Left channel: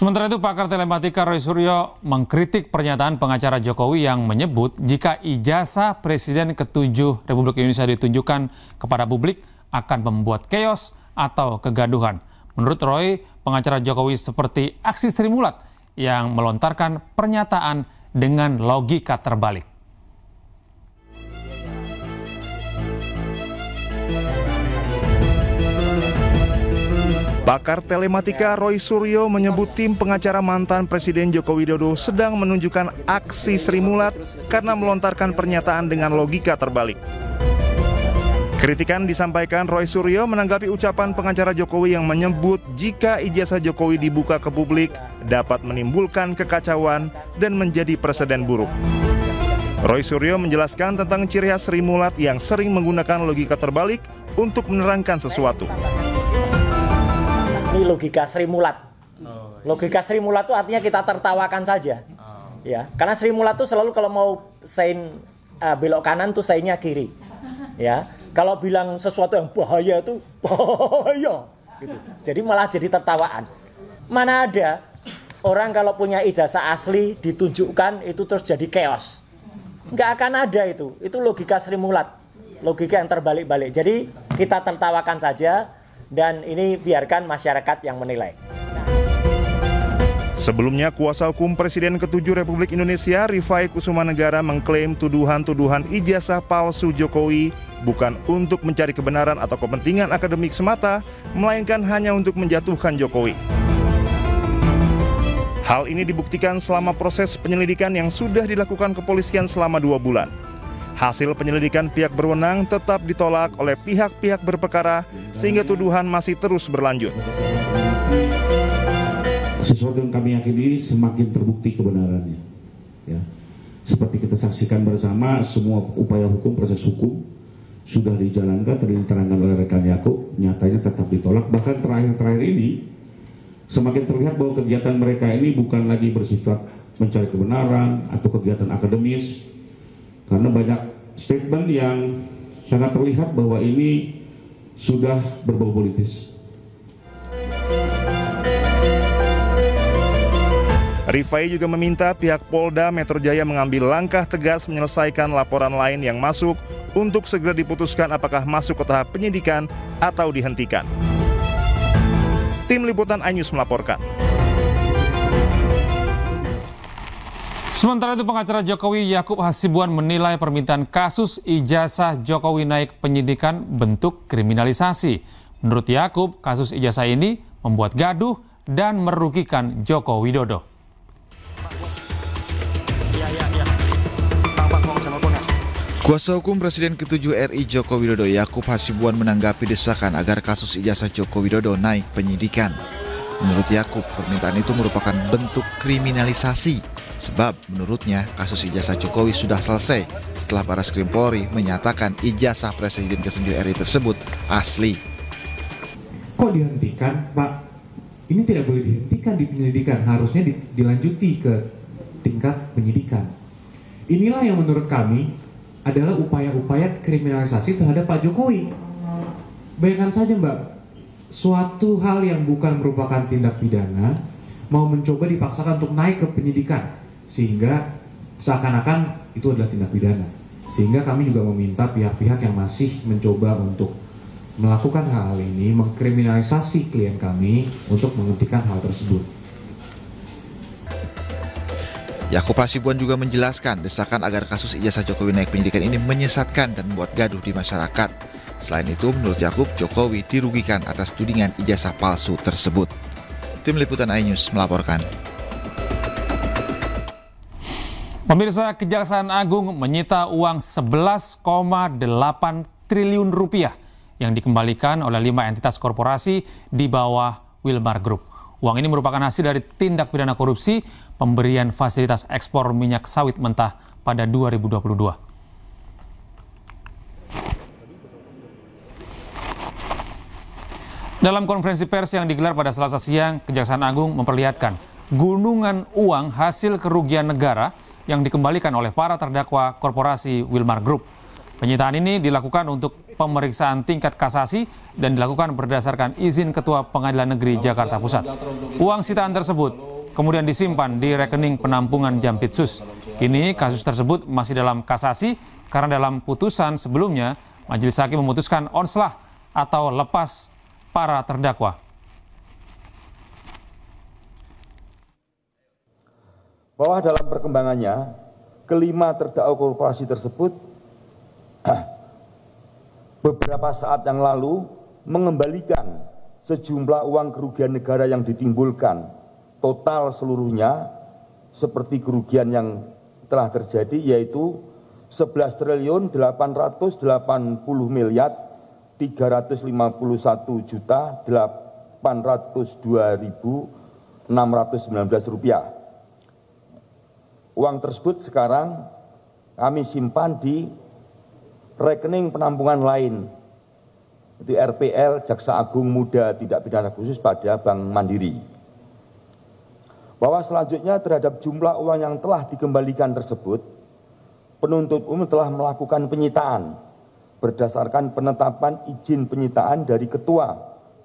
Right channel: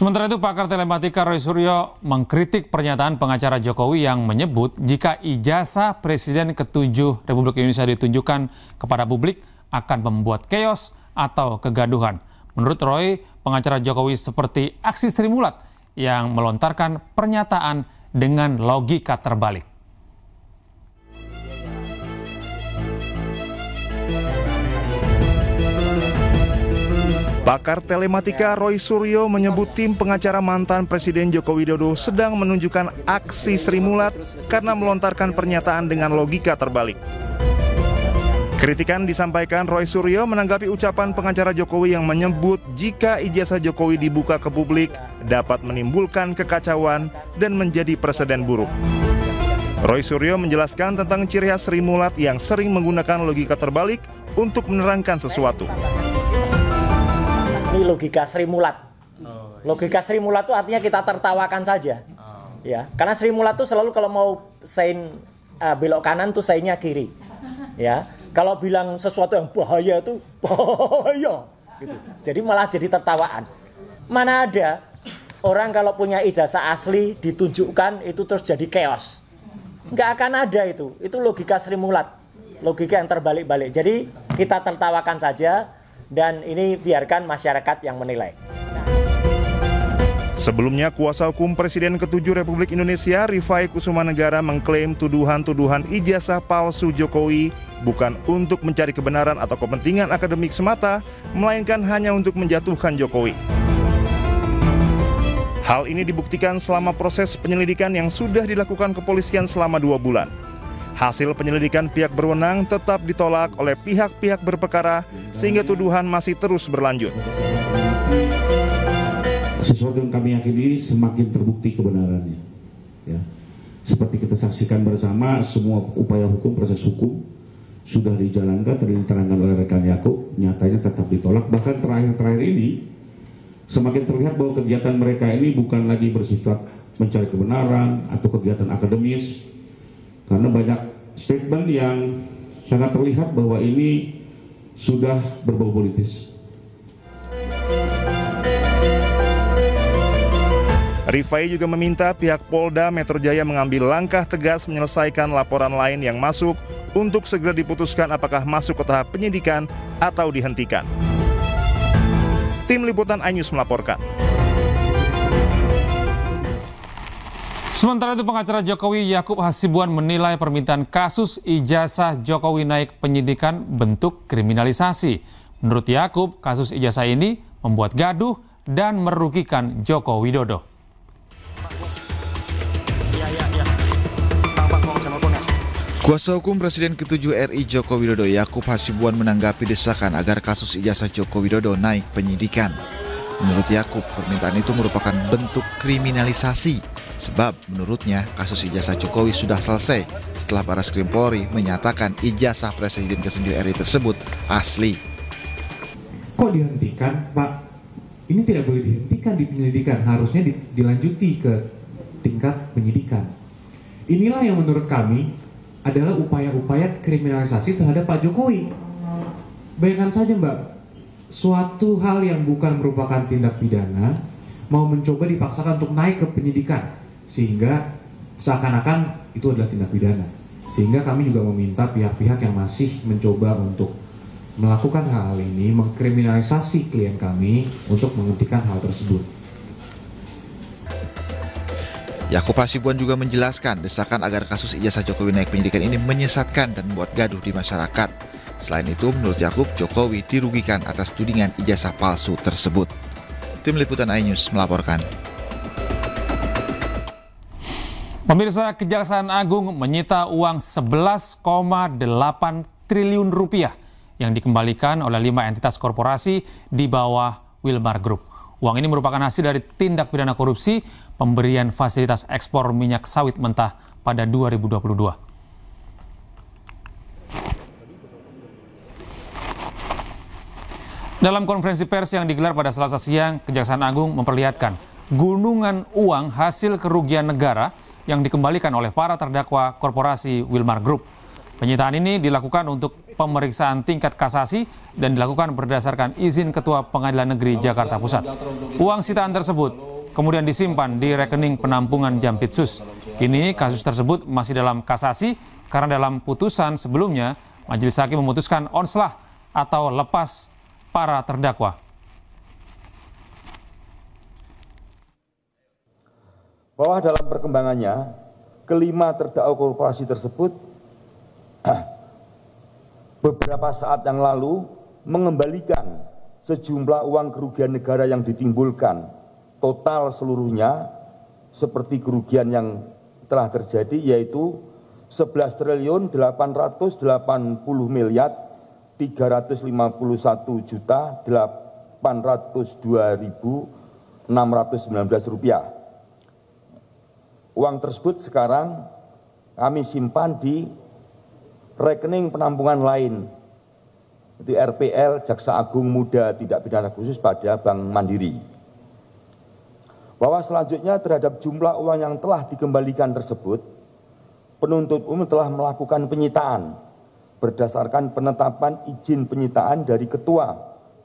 Sementara itu, pakar telematika Roy Suryo mengkritik pernyataan pengacara Jokowi yang menyebut jika ijazah Presiden ke-7 Republik Indonesia ditunjukkan kepada publik akan membuat keos atau kegaduhan. Menurut Roy, pengacara Jokowi seperti aksi Sri Mulat yang melontarkan pernyataan dengan logika terbalik. Pakar telematika Roy Suryo menyebut tim pengacara mantan Presiden Joko Widodo sedang menunjukkan aksi Sri Mulat karena melontarkan pernyataan dengan logika terbalik. Kritikan disampaikan Roy Suryo menanggapi ucapan pengacara Jokowi yang menyebut jika ijazah Jokowi dibuka ke publik dapat menimbulkan kekacauan dan menjadi presiden buruk. Roy Suryo menjelaskan tentang ciri khas Sri Mulat yang sering menggunakan logika terbalik untuk menerangkan sesuatu. Logika Sri Mulat. Logika Sri Mulat itu artinya kita tertawakan saja. Ya, karena Sri Mulat itu selalu kalau mau sein belok kanan tuh seinnya kiri. Ya, kalau bilang sesuatu yang bahaya itu bahaya. Gitu. Jadi malah jadi tertawaan. Mana ada orang kalau punya ijazah asli ditunjukkan itu terus jadi chaos. Nggak akan ada itu. Itu logika Sri Mulat. Logika yang terbalik-balik. Jadi kita tertawakan saja. Dan ini biarkan masyarakat yang menilai. Sebelumnya, kuasa hukum Presiden ke-7 Republik Indonesia, Rifai Kusumanegara, mengklaim tuduhan-tuduhan ijazah palsu Jokowi bukan untuk mencari kebenaran atau kepentingan akademik semata, melainkan hanya untuk menjatuhkan Jokowi. Hal ini dibuktikan selama proses penyelidikan yang sudah dilakukan kepolisian selama 2 bulan. Hasil penyelidikan pihak berwenang tetap ditolak oleh pihak-pihak berperkara sehingga tuduhan masih terus berlanjut. Sesuatu yang kami yakini semakin terbukti kebenarannya. Ya. Seperti kita saksikan bersama, semua upaya hukum, proses hukum sudah dijalankan, tadi diterangkan oleh rekan Yakub, nyatanya tetap ditolak. Bahkan terakhir ini semakin terlihat bahwa kegiatan mereka ini bukan lagi bersifat mencari kebenaran atau kegiatan akademis. Karena banyak statement yang sangat terlihat bahwa ini sudah berbau politis. Rifai juga meminta pihak Polda Metro Jaya mengambil langkah tegas menyelesaikan laporan lain yang masuk untuk segera diputuskan apakah masuk ke tahap penyidikan atau dihentikan. Tim Liputan iNews melaporkan. Sementara itu, pengacara Jokowi Yakub Hasibuan menilai permintaan kasus ijazah Jokowi naik penyidikan bentuk kriminalisasi. Menurut Yakub, kasus ijazah ini membuat gaduh dan merugikan Joko Widodo. Kuasa hukum Presiden ke-7 RI Joko Widodo Yakub Hasibuan menanggapi desakan agar kasus ijazah Joko Widodo naik penyidikan. Menurut Yakub, permintaan itu merupakan bentuk kriminalisasi. Sebab menurutnya kasus ijazah Jokowi sudah selesai setelah Barreskrim Polri menyatakan ijazah Presiden ke-7 RI tersebut asli. Kok dihentikan, Pak? Ini tidak boleh dihentikan di penyelidikan, harusnya dilanjuti ke tingkat penyidikan. Inilah yang menurut kami adalah upaya-upaya kriminalisasi terhadap Pak Jokowi. Bayangkan saja, Mbak, suatu hal yang bukan merupakan tindak pidana mau mencoba dipaksakan untuk naik ke penyidikan, sehingga seakan-akan itu adalah tindak pidana. Sehingga kami juga meminta pihak-pihak yang masih mencoba untuk melakukan hal ini, mengkriminalisasi klien kami untuk menghentikan hal tersebut. Yakub Hasibuan juga menjelaskan desakan agar kasus ijazah Jokowi naik penyidikan ini menyesatkan dan membuat gaduh di masyarakat. Selain itu, menurut Yakub, Jokowi dirugikan atas tudingan ijazah palsu tersebut. Tim Liputan iNews melaporkan. Pemirsa, Kejaksaan Agung menyita uang 11,8 triliun rupiah yang dikembalikan oleh 5 entitas korporasi di bawah Wilmar Group. Uang ini merupakan hasil dari tindak pidana korupsi pemberian fasilitas ekspor minyak sawit mentah pada 2022. Dalam konferensi pers yang digelar pada Selasa siang, Kejaksaan Agung memperlihatkan gunungan uang hasil kerugian negara yang dikembalikan oleh para terdakwa korporasi Wilmar Group. Penyitaan ini dilakukan untuk pemeriksaan tingkat kasasi dan dilakukan berdasarkan izin Ketua Pengadilan Negeri Jakarta Pusat. Uang sitaan tersebut kemudian disimpan di rekening penampungan Jampitsus. Kini kasus tersebut masih dalam kasasi karena dalam putusan sebelumnya Majelis Hakim memutuskan onslah atau lepas para terdakwa. Bahwa dalam perkembangannya, kelima terdakwa korporasi tersebut beberapa saat yang lalu mengembalikan sejumlah uang kerugian negara yang ditimbulkan, total seluruhnya seperti kerugian yang telah terjadi yaitu 11.880.351.802 rupiah. Uang tersebut sekarang kami simpan di rekening penampungan lain di RPL Jaksa Agung Muda Tindak Pidana Khusus pada Bank Mandiri. Bahwa selanjutnya terhadap jumlah uang yang telah dikembalikan tersebut, penuntut umum telah melakukan penyitaan berdasarkan penetapan izin penyitaan dari Ketua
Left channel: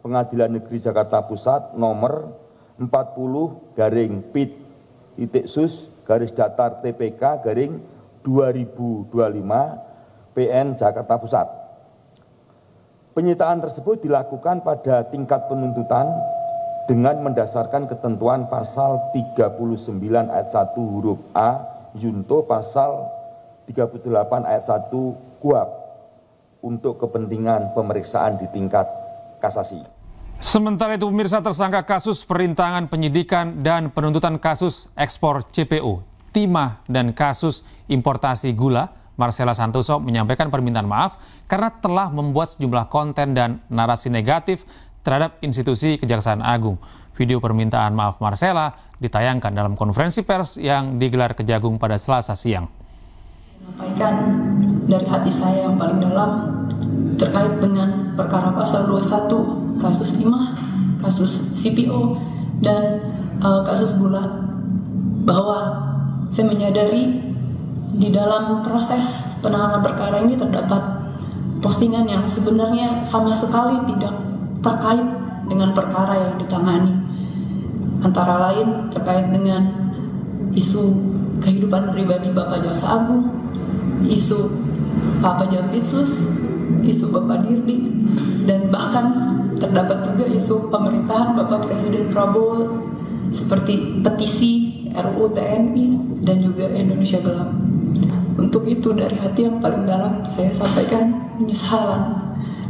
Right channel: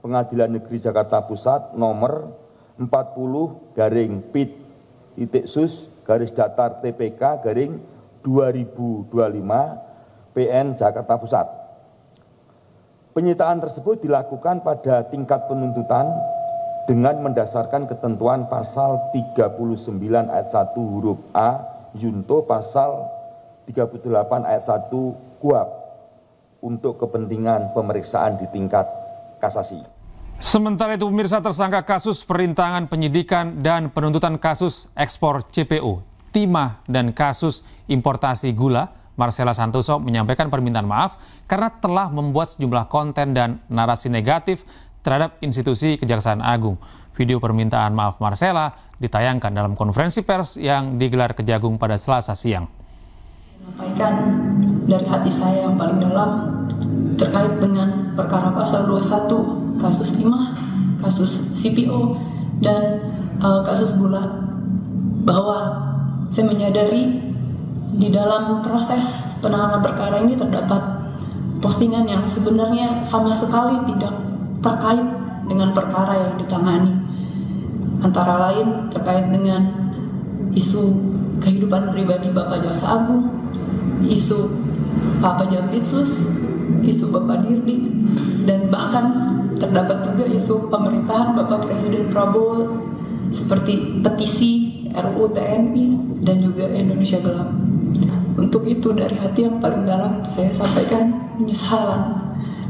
Pengadilan Negeri Jakarta Pusat nomor 40-PIT-sus-datar-TPK-2025 PN Jakarta Pusat. Penyitaan tersebut dilakukan pada tingkat penuntutan dengan mendasarkan ketentuan pasal 39 ayat 1 huruf A Junto pasal 38 ayat 1 KUHP untuk kepentingan pemeriksaan di tingkat kasasi. Sementara itu pemirsa, tersangka kasus perintangan penyidikan dan penuntutan kasus ekspor CPO, timah dan kasus importasi gula, Marcella Santoso menyampaikan permintaan maaf karena telah membuat sejumlah konten dan narasi negatif terhadap institusi Kejaksaan Agung. Video permintaan maaf Marcella ditayangkan dalam konferensi pers yang digelar Kejagung pada Selasa siang. Menyampaikan dari hati saya yang paling dalam terkait dengan perkara pasal 21, kasus timah, kasus CPO, dan kasus gula, bahwa saya menyadari di dalam proses penanganan perkara ini terdapat postingan yang sebenarnya sama sekali tidak terkait dengan perkara yang ditangani. Antara lain terkait dengan isu kehidupan pribadi Bapak Jaksa Agung, isu Bapak Jampitsus, isu Bapak Dirdik, dan bahkan terdapat juga isu pemerintahan Bapak Presiden Prabowo seperti petisi RUU TNI dan juga Indonesia Gelap. Untuk itu dari hati yang paling dalam saya sampaikan penyesalan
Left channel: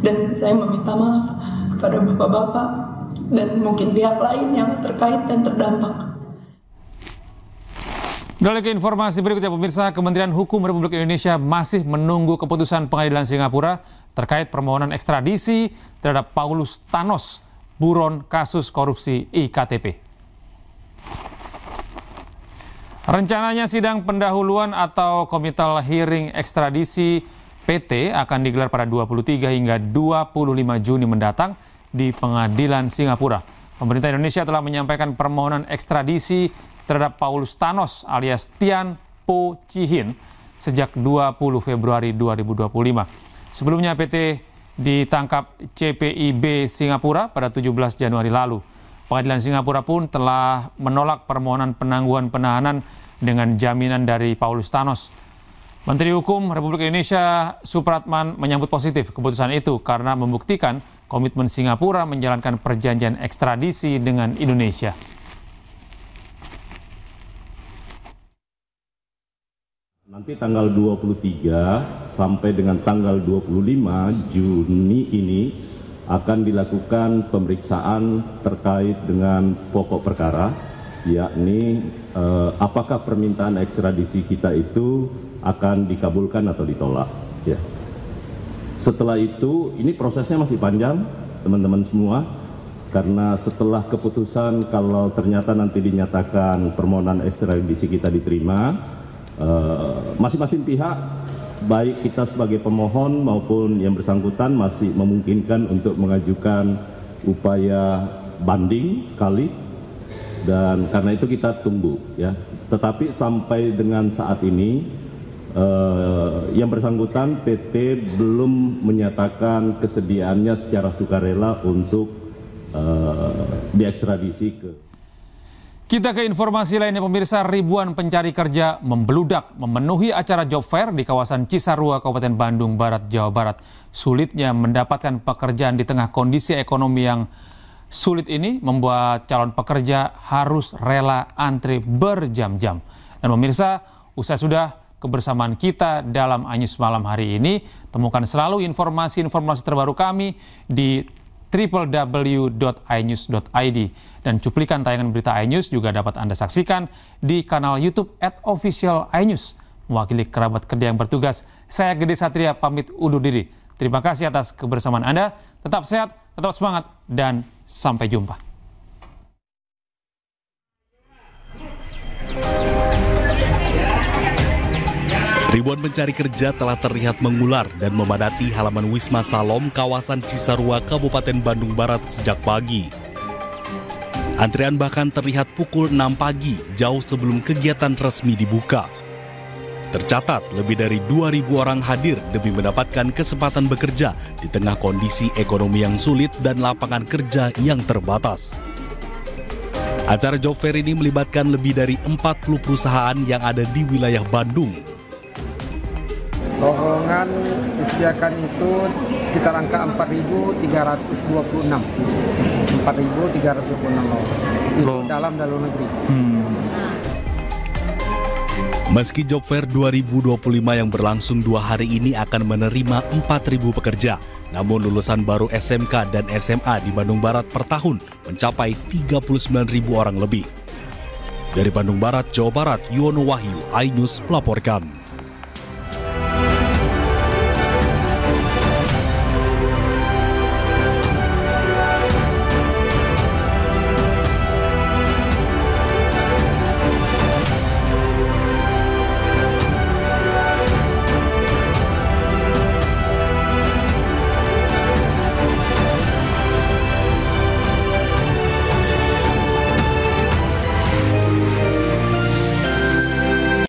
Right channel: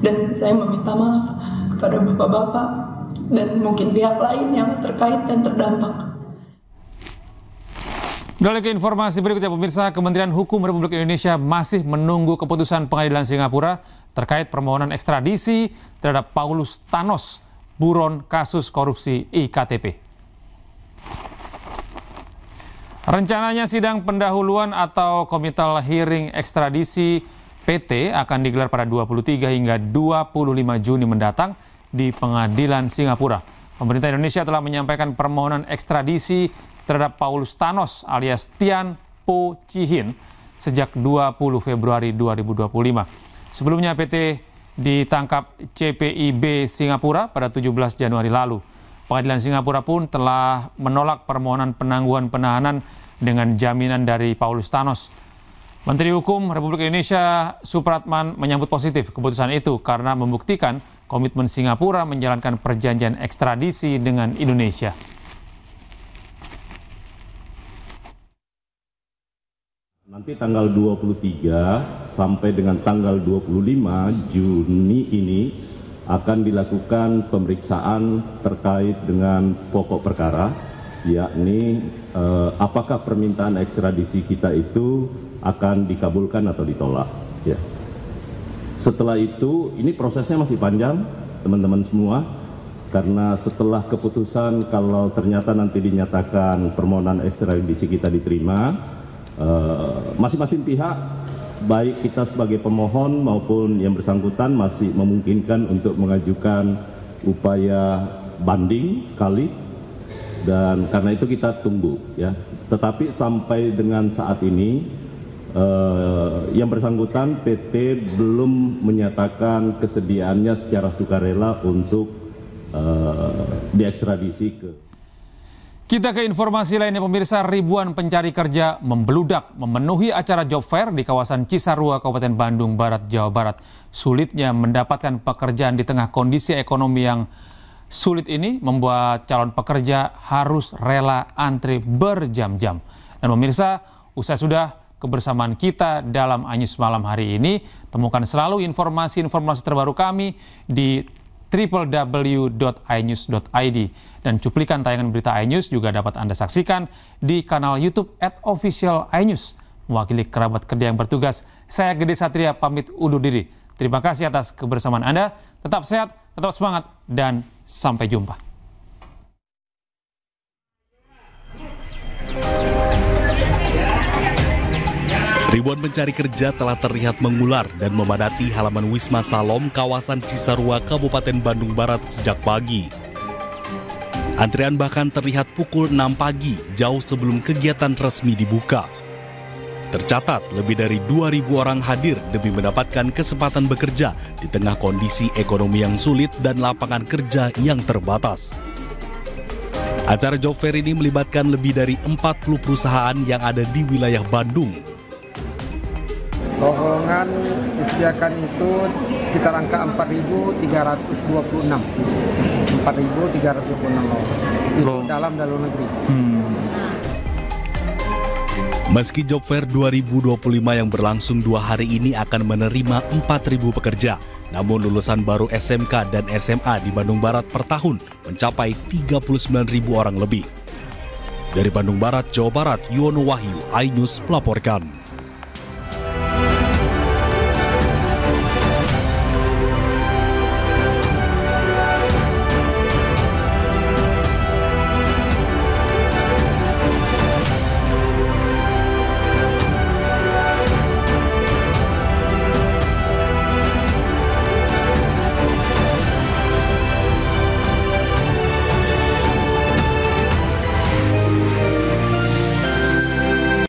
dan saya meminta maaf kepada bapak-bapak dan mungkin pihak lain yang terkait dan terdampak. Beralih ke informasi berikutnya pemirsa, Kementerian Hukum Republik Indonesia masih menunggu keputusan Pengadilan Singapura terkait permohonan ekstradisi terhadap Paulus Thanos, buron kasus korupsi IKTP. Rencananya sidang pendahuluan atau komital hearing ekstradisi PT akan digelar pada 23 hingga 25 Juni mendatang di Pengadilan Singapura. Pemerintah Indonesia telah menyampaikan permohonan ekstradisi terhadap Paulus Thanos alias Tian Po Chi Hin sejak 20 Februari 2025. Sebelumnya PT ditangkap CPIB Singapura pada 17 Januari lalu. Pengadilan Singapura pun telah menolak permohonan penangguhan penahanan dengan jaminan dari Paulus Thanos. Menteri Hukum Republik Indonesia Supratman menyambut positif keputusan itu karena membuktikan komitmen Singapura menjalankan perjanjian ekstradisi dengan Indonesia. Nanti tanggal 23 sampai dengan tanggal 25 Juni ini akan dilakukan pemeriksaan terkait dengan pokok perkara, yakni apakah permintaan ekstradisi kita itu akan dikabulkan atau ditolak. Ya. Setelah itu, ini prosesnya masih panjang, teman-teman semua, karena setelah keputusan kalau ternyata nanti dinyatakan permohonan ekstradisi kita diterima, masing-masing pihak, baik kita sebagai pemohon maupun yang bersangkutan masih memungkinkan untuk mengajukan upaya banding sekali, dan karena itu kita tunggu ya. Tetapi sampai dengan saat ini yang bersangkutan PT belum menyatakan kesediaannya secara sukarela untuk diekstradisi ke. Kita ke informasi lainnya, pemirsa. Ribuan pencari kerja membeludak memenuhi acara job fair di kawasan Cisarua, Kabupaten Bandung Barat, Jawa Barat. Sulitnya mendapatkan pekerjaan di tengah kondisi ekonomi yang sulit ini membuat calon pekerja harus rela antri berjam-jam. Dan pemirsa, usai sudah kebersamaan kita dalam iNews malam hari ini, temukan selalu informasi-informasi terbaru kami di www.inews.id, dan cuplikan tayangan berita iNews juga dapat Anda saksikan di kanal YouTube @official_iNews. Mewakili kerabat kerja yang bertugas, saya Gede Satria pamit undur diri. Terima kasih atas kebersamaan Anda. Tetap sehat, tetap semangat, dan sampai jumpa. Ribuan pencari kerja telah terlihat mengular dan memadati halaman Wisma Salom kawasan Cisarua, Kabupaten Bandung Barat sejak pagi. Antrean bahkan terlihat pukul 6 pagi, jauh sebelum kegiatan resmi dibuka. Tercatat lebih dari 2.000 orang hadir demi mendapatkan kesempatan bekerja di tengah kondisi ekonomi yang sulit dan lapangan kerja yang terbatas. Acara job fair ini melibatkan lebih dari 40 perusahaan yang ada di wilayah Bandung. Lowongan disediakan itu sekitar angka 4.326. 4.326 itu dalam negeri. Meski job fair 2025 yang berlangsung 2 hari ini akan menerima 4.000 pekerja, namun lulusan baru SMK dan SMA di Bandung Barat per tahun mencapai 39.000 orang lebih. Dari Bandung Barat, Jawa Barat, Yuwono Wahyu, iNews melaporkan.